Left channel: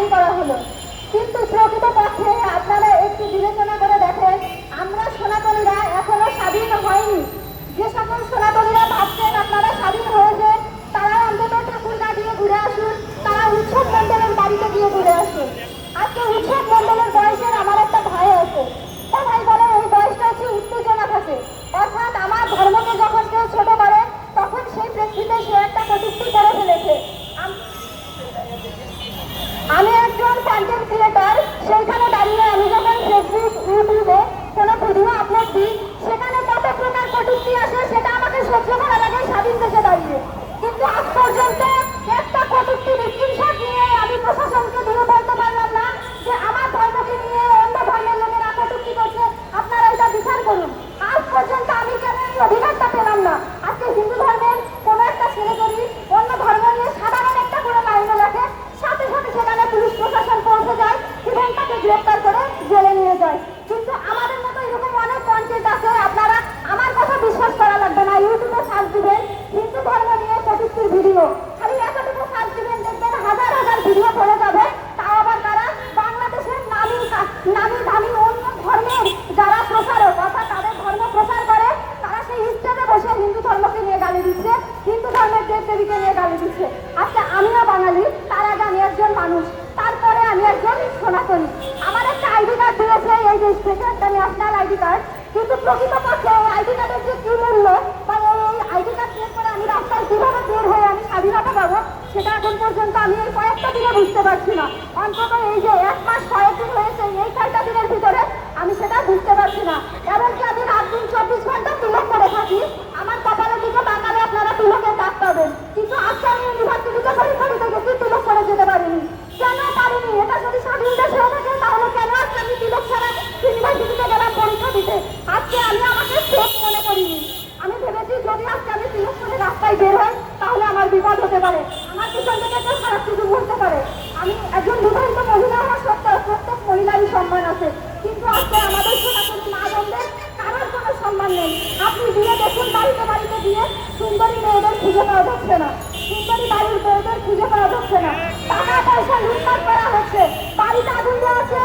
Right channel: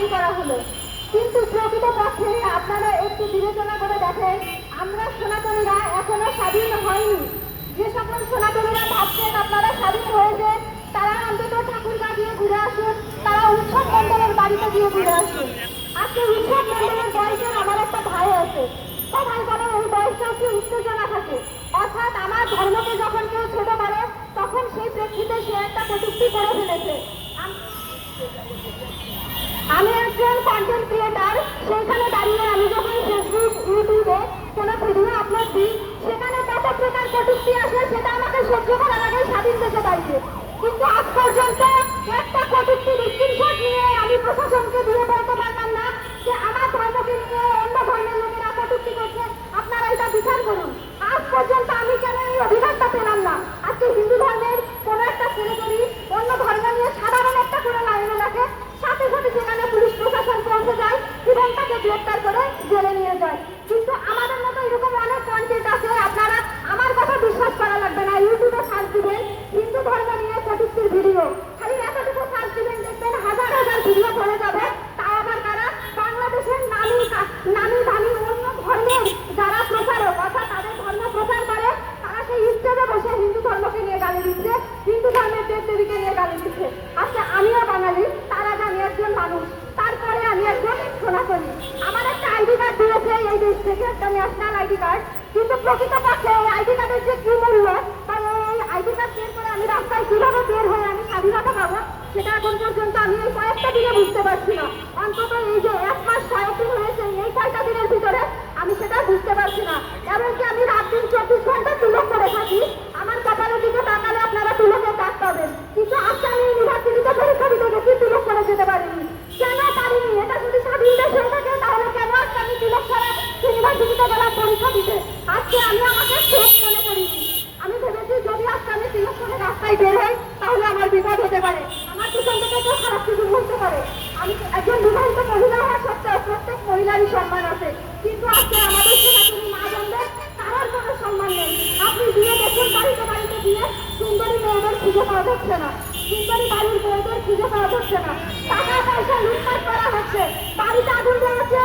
স্বাধীন করা হলো। কিন্তু প্রকৃতপক্ষে আপনারা একটু বিবেচনা একটা প্রশাসনকে পারলাম না যে আমার ধর্মকে নিয়ে অন্য ধর্মের লোকেরা কটূক্তি করছে আপনারা এটা বিচার করুন আজ পর্যন্ত আমি কেন এই পেলাম না আজকে হিন্দু ধর্মের কোনো একটা ছেলে যদি অন্য ধর্ম নিয়ে সাধারণ একটা করে লাইনে রাখে সাথে সাথে সেখানে পুলিশ প্রশাসন পৌঁছে যায় এবং করে জেলে নিয়ে যায়। মানুষ। তারপরে আমি একজন সনাতনী আমার একটা আইডি কার্ড দিয়েছে, এই দেশ থেকে একটা ন্যাশনাল আইডি কার্ড। কিন্তু প্রকৃতপক্ষে এই আইডি কার্ডের যে কি মূল্য বা এই আইডি কার্ড বের করে আমি রাস্তায় কীভাবে বের হয়ে আমি স্বাধীনতা পাবো, সেটা এখন পর্যন্ত আমি এই কয়েকটা দিনে বুঝতে পারছি না। অন্তত এই যে এক মাস কয়েকদিন হয়েছে, এই কয়েকটা দিনের ভিতরে আমি সেটা বুঝতে পারছি না। এমনকি আমি রাত দিন চব্বিশ ঘণ্টা তিলক করে থাকি আমার কপালের দিকে তাকালে আপনারা তিলকের কাজ পাবেন কিন্তু আজকে আমি ইউনিভার্সিটিতে পরীক্ষা দিতে গেছি তিলক করে যেতে পারিনি কেন পারিনি এটা যদি স্বাধীন দেশ হয়ে থাকে তাহলে কেন আজকে আমি তিলক ছাড়া ইউনিভার্সিটিতে গেলাম পরীক্ষা দিতে আজকে আমি আমাকে সেফ মনে করিনি আমি ভেবেছি যদি আজকে রাস্তায় বের হই, তাহলে আমার বিপদ হতে পারে। আমার কেউ খারাপ কিছু বলতে পারে। আমি একজন বিবাহিত মহিলা হওয়া সত্ত্বেও প্রত্যেক মহিলারই সম্মান আছে। কিন্তু আজকে আমাদের সনাতনী মা বোনদের কারোর কোনো সম্মান নেই। আপনি দেখুন, বাড়িতে বাড়িতে দিয়ে সুন্দরী মেয়েদের খুঁজে পাওয়া যাচ্ছে না। সুন্দরী বাড়ির মেয়েদের খুঁজে পাওয়া যাচ্ছে না। টাকা করা হচ্ছে। বাড়িতে আগুন দেওয়া আছে।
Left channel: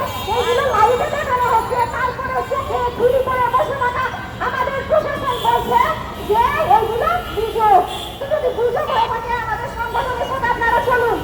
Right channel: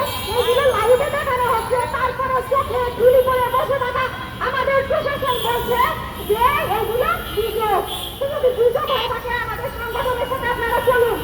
যদি দুজন হয়ে থাকে আমাদের সংগঠনের সাথে আপনারা চলুন।